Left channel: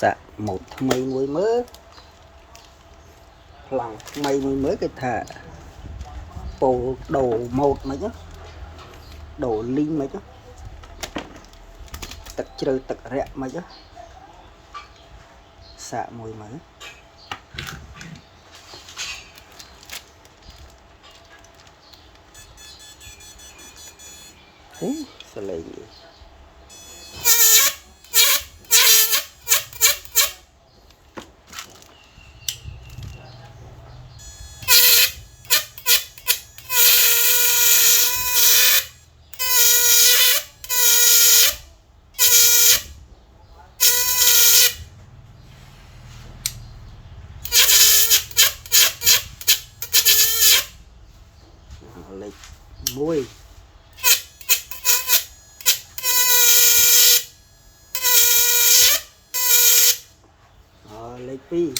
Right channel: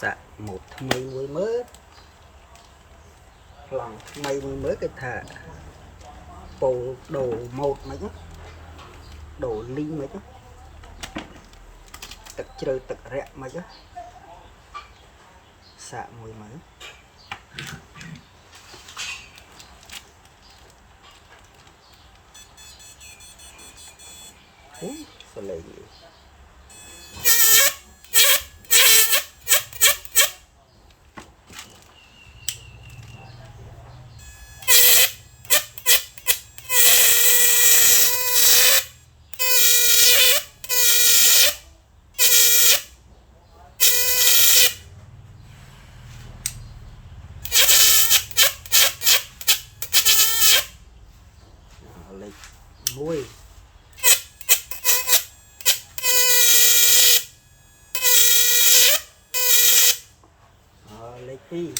sạ một mây mới mới lòng mây mới mới cái thả bộ đồ một mà chứ đồ linh mà chứ tật chơi tật rẽ mà chứ xạ mùi mấy sẽ lấy gì lấy mùi lấy pi